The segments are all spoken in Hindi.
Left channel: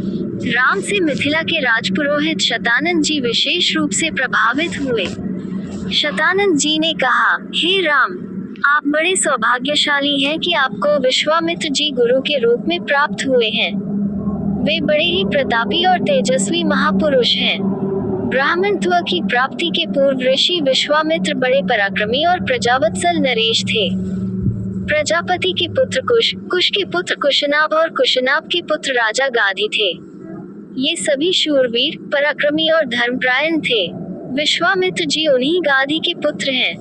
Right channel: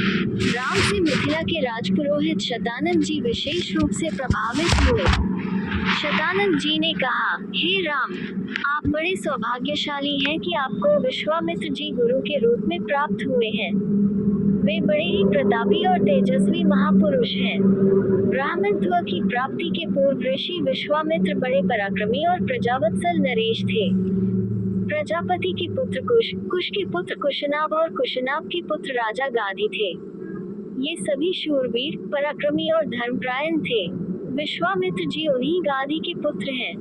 राम से मिथिला के राजपुरोहित शतानंद जी विशेष रूप से प्रभावित हुए। शतानंद जी ने कहा, हे राम, आप बड़े सौभाग्यशाली हैं कि आपको विश्वामित्र जी गुरु के रूप में प्राप्त हुए हैं। वे बड़े ही प्रतापी और तेजस्वी महापुरुष हैं। ब्राह्मणत्व की प्राप्ति के पूर्व ऋषि विश्वामित्र बड़े पराक्रमी और प्रजावत्सल नरेश थे। प्रजापति के पुत्र कुश, कुश के पुत्र कुशनाभ और कुशनाभ के पुत्र राजा गाधी थे। ये सभी शूरवीर, पराक्रमी और धर्मपरायण थे। विश्वामित्र जी उन्हीं गाधी के पुत्र हैं।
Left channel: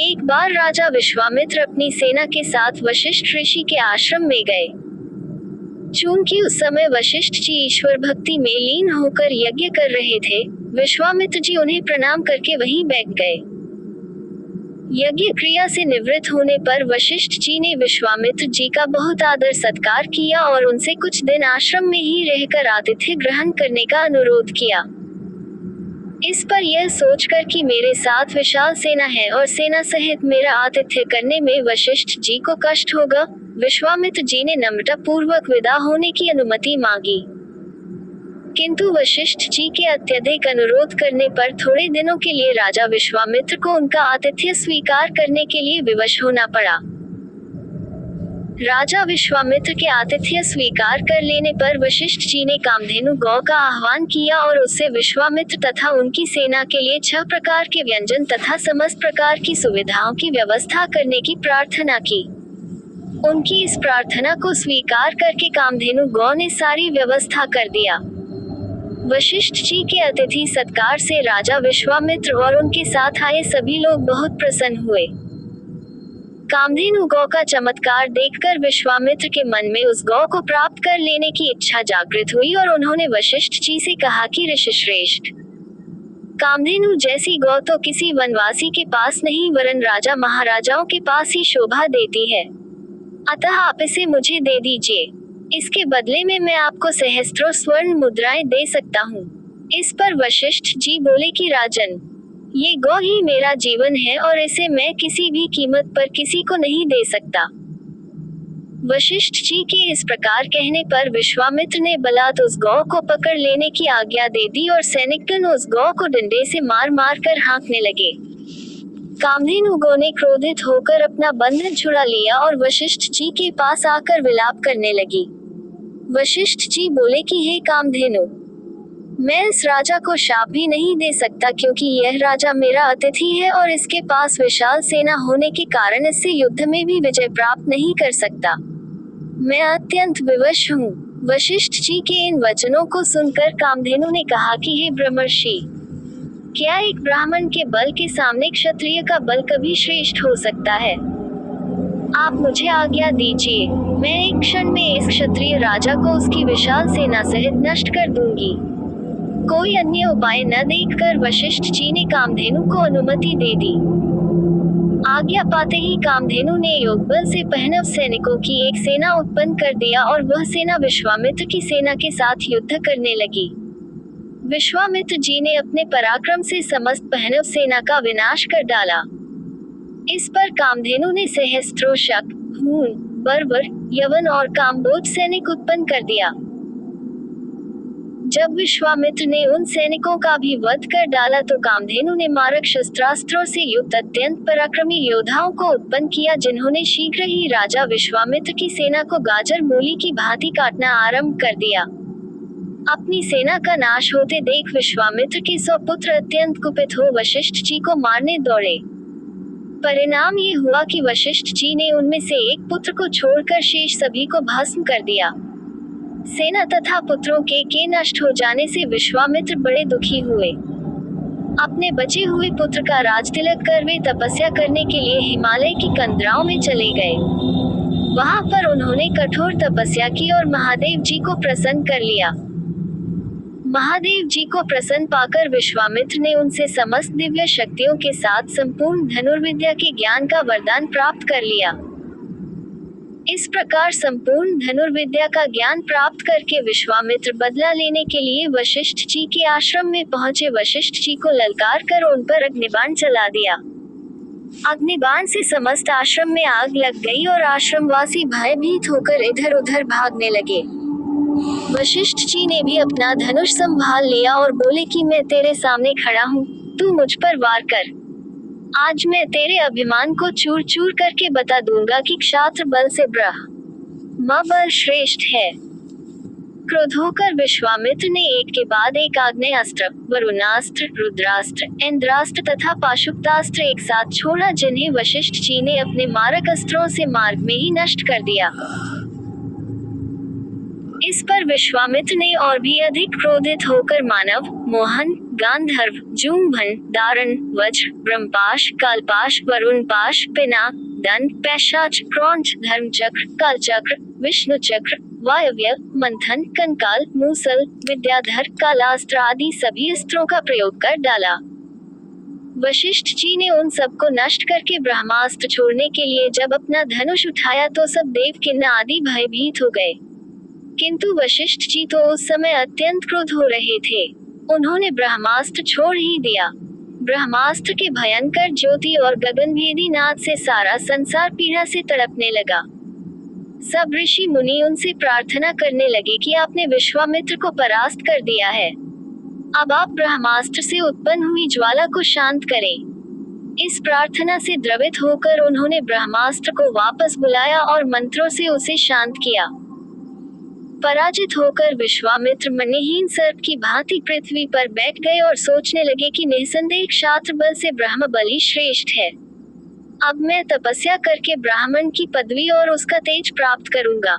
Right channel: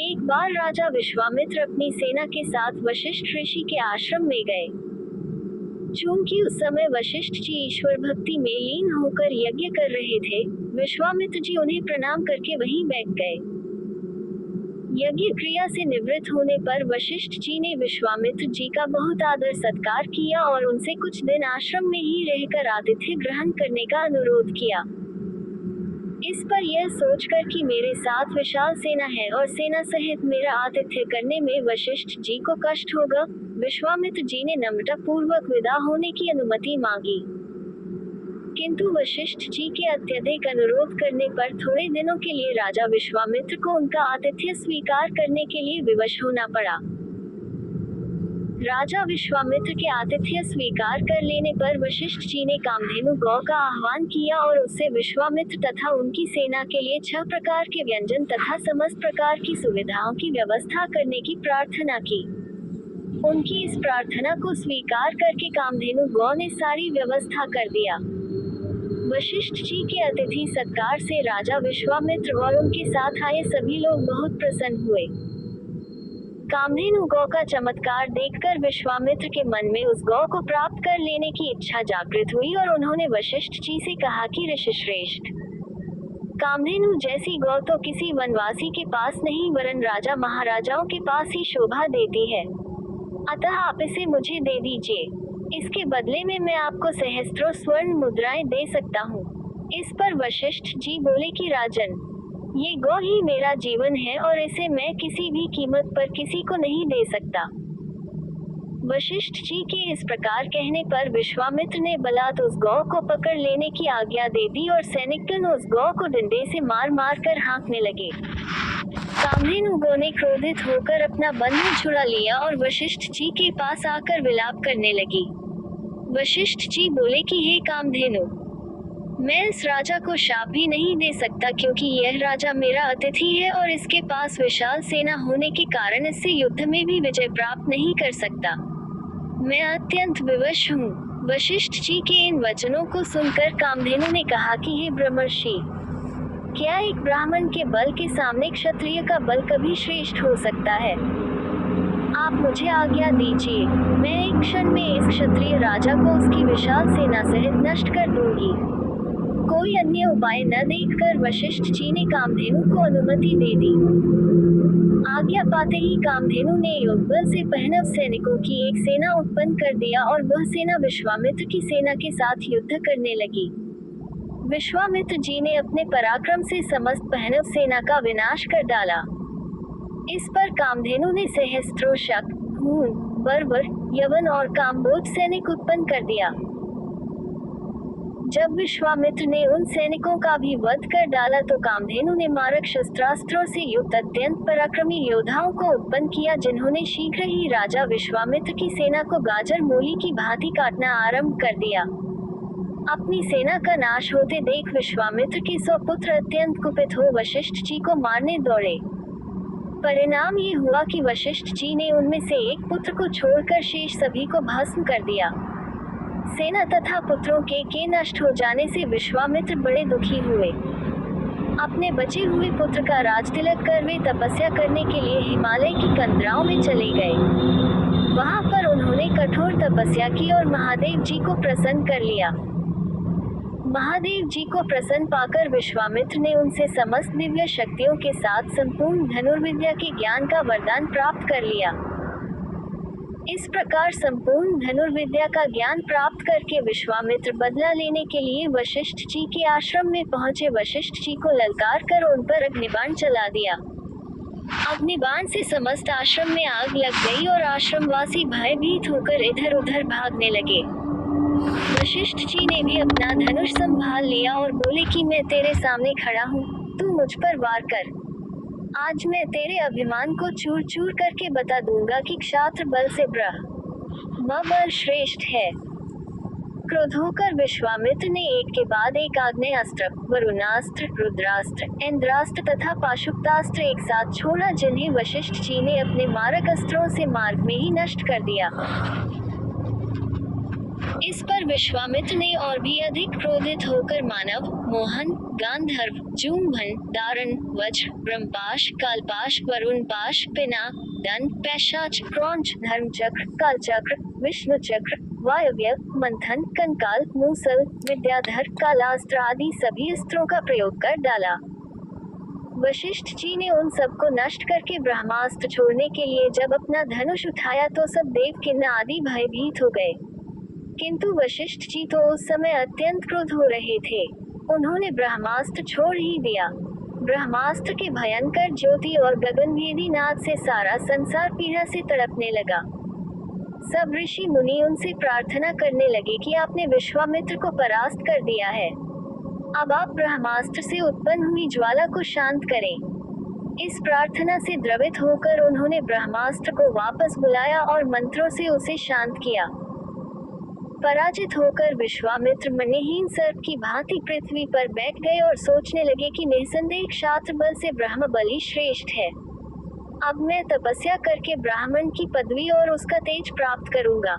एक बार राजा विश्वामित्र अपनी सेना के साथ वशिष्ठ ऋषि के आश्रम में गए। चूंकि उस समय वशिष्ठ जी ईश्वर भक्ति में लीन होकर यज्ञ कर रहे थे, विश्वामित्र जी उन्हें प्रणाम करके वहीं बैठ गए। यज्ञ क्रिया से निवृत्त होने पर वशिष्ठ जी ने विश्वामित्र जी का बहुत आदर सत्कार किया और उनसे कुछ दिन आश्रम में ही रहकर आतिथ्य ग्रहण करने का अनुरोध किया। इस पर यह सोचकर कि मेरे साथ विशाल सेना है और सेना सहित मेरा आतिथ्य करने में वशिष्ठ जी को कष्ट होगा, विश्वामित्र जी ने नम्रता पूर्वक विदा होने की अनुमति मांगी। किंतु वशिष्ठ जी के अत्यधिक अनुरोध करने पर थोड़े दिनों के लिए राजा विश्वामित्र को उनका आतिथ्य स्वीकार करने के लिए विवश होना पड़ा। राजा विश्वामित्र के आतिथ्य स्वीकार कर लेने पर वशिष्ठ जी ने कामधेनु गौ का आह्वान किया और उससे विश्वामित्र तथा उनकी सेना के लिए 6 प्रकार के व्यंजन तथा समस्त प्रकार की सुविधाओं की व्यवस्था करने की प्रार्थना की। उनकी इस प्रार्थना को स्वीकार करके कामधेनु गौ ने सारी व्यवस्था कर दिया। वशिष्ठ जी के अतिथि सत्कार से राजा विश्वामित्र और उनके साथ आए सभी लोग बहुत प्रसन्न हुए। कामधेनु गौ का चमत्कार देखकर विश्वामित्र के मन में उस गौ को प्राप्त कर लेने की इच्छा जागृत हुई और उन्होंने वशिष्ठ जी से कहा कि ऋषिश्रेष्ठ, कामधेनु जैसी गौ तो किसी वनवासी के पास नहीं वरन राजा महाराजाओं के पास ही शोभा देती है। अतः आप इसे मुझे दे दीजिए। इसके बदले में मैं आपको सहस्त्रों स्वर्ण मुद्राएं दे सकता हूँ। इस पर वशिष्ठ जी बोले कि राजन, ये गौ ही मेरा जीवन है और इसे मैं किसी भी कीमत पर किसी को नहीं दे सकता। वशिष्ठ जी के इस प्रकार कहने पर विश्वामित्र ने बलात् उस गौ को पकड़ लेने की आज्ञा दे दी और सैनिकगण उस गौ को डंडे से मार मार कर हाँकने लगे। कामधेनु गौ ने क्रोधित होकर अपना बंधन छुड़ा लिया और वशिष्ठ जी के पास आकर विलाप करने लगी। वशिष्ठ जी बोले कि हे कामधेनु, मैं इस राजा को शाप भी नहीं दे सकता क्योंकि यह राजा मेरा अतिथि है और इसके पास विशाल सेना होने के कारण इससे युद्ध में भी विजय प्राप्त नहीं कर सकता। मैं अत्यंत विवश हूँ। वशिष्ठ जी के इन वचनों को सुनकर कामधेनु ने कहा कि हे ब्रह्मर्षि, क्या एक ब्राह्मण के बल के सामने क्षत्रिय का बल कभी श्रेष्ठ हो सकता है? आप मुझे आज्ञा दीजिए, मैं एक क्षण में इस क्षत्रिय राजा को उसकी विशाल सेना सहित नष्ट कर दूंगी। कोई अन्य उपाय न देखकर वशिष्ठ जी ने कामधेनु को अनुमति दे दी। आज्ञा पाते ही कामधेनु ने योगबल से पहनव सैनिकों की एक सेना उत्पन्न कर दिया और वह सेना विश्वामित्र की सेना के साथ युद्ध करने लगी। विश्वामित्र जी ने अपने पराक्रम से समस्त पहनव सेना का विनाश कर डाला। इस पर कामधेनु ने सहस्त्रों शक, हूण, बर्बर, यवन और काम्बोज सैनिक उत्पन्न कर दिया। जब विश्वामित्र ने उन सैनिकों का भी वध कर डाला तो कामधेनु ने मारक शस्त्रास्त्रों से युक्त अत्यंत पराक्रमी योद्धाओं को उत्पन्न किया जिन्होंने शीघ्र ही राजा विश्वामित्र की सेना को गाजर मूली की भांति काटना आरंभ कर दिया। अपनी सेना का नाश होते देख विश्वामित्र के 100 पुत्र अत्यंत कुपित हो वशिष्ठ जी को मारने दौड़े। परिणाम ये हुआ कि वशिष्ठ जी ने उनमें से एक पुत्र को छोड़कर शेष सभी को भस्म कर दिया। सेना तथा पुत्रों के नष्ट हो जाने से विश्वामित्र बड़े दुखी हुए। अपने बचे हुए पुत्र का राजतिलक कर वे तपस्या करने के लिए हिमालय की कंदराओं में चले गए। वहां पर उन्होंने कठोर तपस्या की और महादेव जी को प्रसन्न कर लिया। महादेव जी को प्रसन्न पाकर विश्वामित्र ने उनसे समस्त दिव्य शक्तियों के साथ संपूर्ण धनुर्विद्या के ज्ञान का वरदान प्राप्त कर लिया। इस प्रकार संपूर्ण धनुर्विद्या का ज्ञान प्राप्त करके विश्वामित्र बदला लेने के लिए वशिष्ठ जी के आश्रम में पहुंचे। वशिष्ठ जी को ललकार कर उन पर अग्निबाण चला दिया। अग्निबाण से समस्त आश्रम में आग लग गई और आश्रमवासी भयभीत होकर इधर उधर भागने लगे। वशिष्ठ जी ने भी अपना धनुष संभाल लिया और बोले कि मैं तेरे सामने खड़ा हूँ, तू मुझ पर वार कर। आज मैं तेरे अभिमान को चूर चूर करके बता दूंगा कि क्षात्र बल से ब्रह्म बल श्रेष्ठ है। क्रोध होकर विश्वामित्र ने एक के बाद एक आग्नेयास्त्र, वरुणास्त्र, रुद्रास्त्र, इंद्रास्त्र तथा पाशुपतास्त्र एक साथ छोड़ा, जिन्हें वशिष्ठ जी ने अपने मारक अस्त्रों से मार्ग में ही नष्ट कर दिया। इस पर विश्वामित्र ने और भी अधिक क्रोधित होकर मानव, मोहन, गांधर्व, जूम्भन, दारण, वज्र, ब्रह्मपाश, कालपाश, वरुणपाश, पिनाक, दंड, पैशाच, क्रौंच, धर्मचक्र, कालचक्र, विष्णु चक्र, वायव्य, मंथन, कंकाल, मूसल, विद्याधर, कालास्त्र आदि सभी अस्त्रों का प्रयोग कर डाला। वशिष्ठ जी ने उन सबको नष्ट करके ब्रह्मास्त्र छोड़ने के लिए जब अपना धनुष उठाया तो सब देवकिन्ना आदि भयभीत हो गए। किंतु वशिष्ठ जी तो उस समय अत्यंत क्रोध हो रहे थे। उन्होंने ब्रह्मास्त्र छोड़ ही दिया। ब्रह्मास्त्र के भयंकर ज्योति और गगनभेदी नाद से सारा संसार पीड़ा से तड़पने लगा। सब ऋषि मुनि उनसे प्रार्थना करने लगे कि आपने विश्वामित्र को परास्त कर दिया है, अब आप ब्रह्मास्त्र से उत्पन्न हुई ज्वाला को शांत करें। इस प्रार्थना से द्रवित होकर उन्होंने ब्रह्मास्त्र को वापस बुलाया और मंत्रों से उसे शांत किया। पराजित होकर विश्वामित्र मनहीन सर्प की भांति पृथ्वी पर बैठ गए और सोचने लगे कि निसंदेह क्षात्र बल से ब्रह्म बल ही श्रेष्ठ है। अब मैं तपस्या करके ब्राह्मण की पदवी और उसका तेज प्राप्त करूंगा।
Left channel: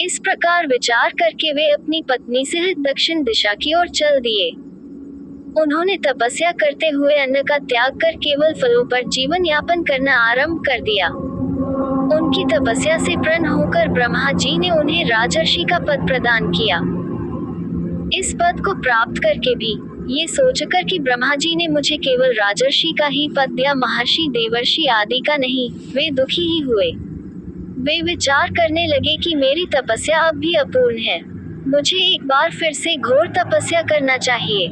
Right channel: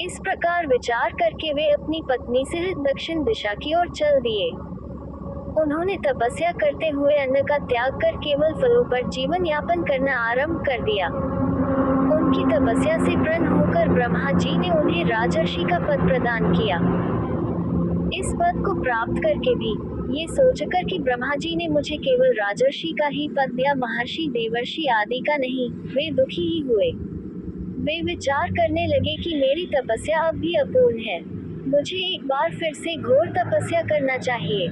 इस प्रकार विचार करके वे अपनी पत्नी से दक्षिण दिशा की ओर चल दिए। उन्होंने तपस्या करते हुए अन्न का त्याग कर केवल फलों पर जीवन यापन करना आरंभ कर दिया। उनकी तपस्या से प्रसन्न होकर ब्रह्मा जी ने उन्हें राजर्षि का पद प्रदान किया। इस पद को प्राप्त करके भी ये सोचकर कि ब्रह्मा जी ने मुझे केवल राजर्षि का ही पद दिया, महर्षि देवर्षि आदि का नहीं, वे दुखी ही हुए। वे विचार करने लगे कि मेरी तपस्या अब भी अपूर्ण है, मुझे एक बार फिर से घोर तपस्या करना चाहिए।